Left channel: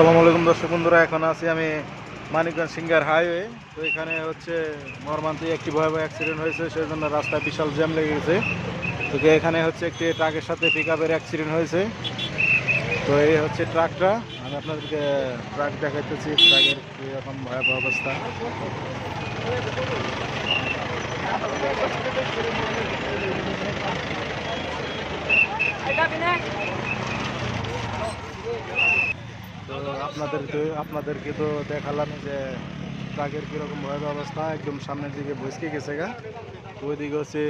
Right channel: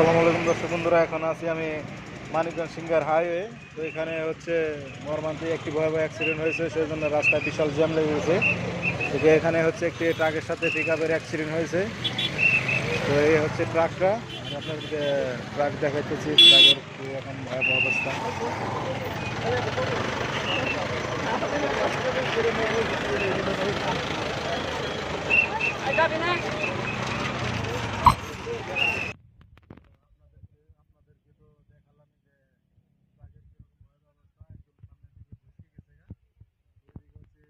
আসসালামু আলাইকুম দর্শক বন্ধুরা, এখন আছি আমি মানিকগঞ্জ সিঙ্গার হাইওয়ে। তো এখানে হচ্ছে মর্মান্তিক একটি ভয়াবহ অ্যাক্সিডেন্ট হয়েছে, সেই জন্য রাস্তায় বিশাল জ্যাম লেগে গেছে। তো এখানে হচ্ছে একটি ট্রাকের সাথে পিকআপের অ্যাক্সিডেন্ট হয়েছে। তো এই হচ্ছে ট্রাকটা, আমি আপনাদেরকে ট্রাক দেখাইতেছি, ট্রাকের কীরকম ভয়াবহ অবস্থা। তো আপনাদেরকে তো দেখালাম যে ট্রাকের কীরকম ভয়াবহ অবস্থা, একদম সামনের দিকে ভসকে গেছে গা। ওইদিকে হচ্ছে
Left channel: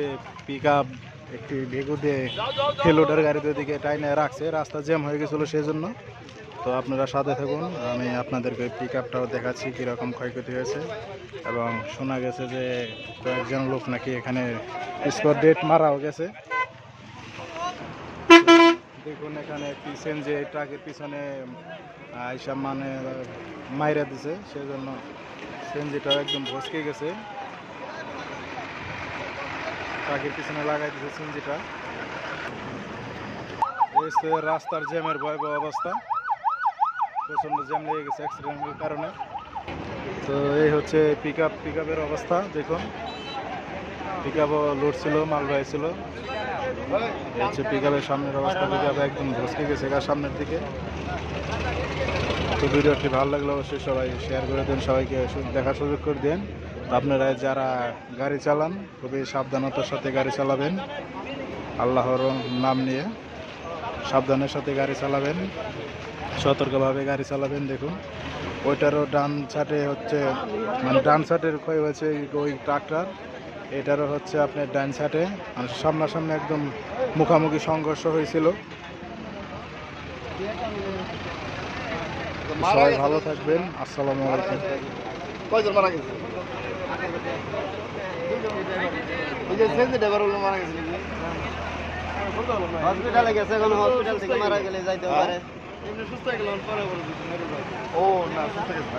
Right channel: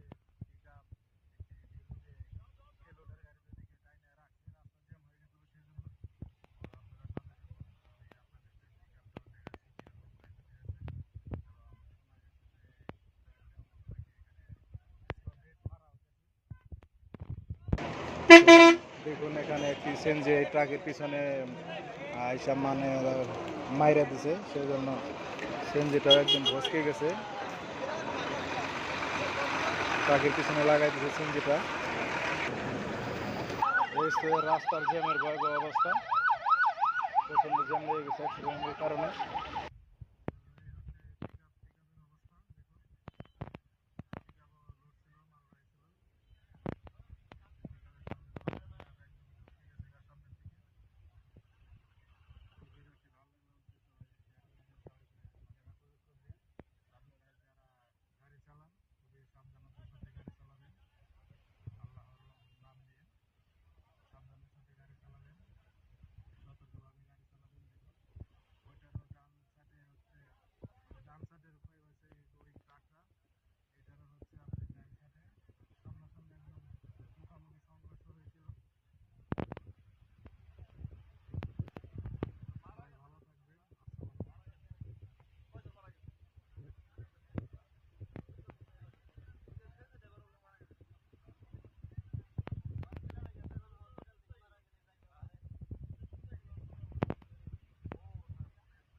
পিক আপ একটি ভেগু দিয়ে ফেলোডার গাড়িতে ওইদিকে টাইনে রাখছে, রাস্তা জ্যাম হয়ে গেছিলো সেই জন্য। তো আপনারা সাথে থাকুন, আমি আপনাদেরকে পিক আপটাও দেখাচ্ছি কীরকম ক্ষয়ক্ষতি হয়েছে। এবং শোনা গেছে যে কয়েকজন লোক নাকি এখানে স্পট ডেট মারাও গেছে। দেখুন এখানে একটি সিএনজি ট্রাকের পিছনে আইসা মানে মাইরা দিছে, সেজন্য সিএনজিটাও একদম ভসকে গেছে। ট্রাকের পিছনে লাগাই দিছে সিএনজিটা। রাস্তার জ্যামের ভয়াবহ অবস্থা, প্রচণ্ড জ্যাম লেগে গেছে অ্যাক্সিডেন্টের কারণে। তো এই হচ্ছে পিকআপের অবস্থা। দেখুন পিকআপও লোড ছিল, মালবাহী ছিল। হচ্ছে পিকআপের সামনের অবস্থা, পিকআপ একদম ভসকে গেছে সামনের দিকে। তো ভিডিওটি ভালো লাগলে অবশ্যই সবাই শেয়ার করে দেন, সবাইকে দেখার সুযোগ করে দেন। আপনারা যারা গাড়ি চালান খুবই সাবধানতার সাথে গাড়ি চালাবেন, আল্লাহর নাম নিয়ে সাবধানের সাথে গাড়ি চালাবেন, সতর্কভাবে গাড়ি চালাবেন। দেখুন ওইটারও ডান সাইডে হচ্ছে মানে ডান সাইডের ক্ষয় হয়েছে ওই ট্রাকটার, এটারও হচ্ছে আপনার ডান সাইডে মানে সামনাসামনি একদম মুখামুখি সংঘর্ষ হয়েছিল। সবাই ভালো থাকবেন, আসসালামু আলাইকুম। হসপিটালে গেছে, এখন হসপিটাল থেকে মারা গেলে যাইতে পারে। ও না, সুস্থ গেছে।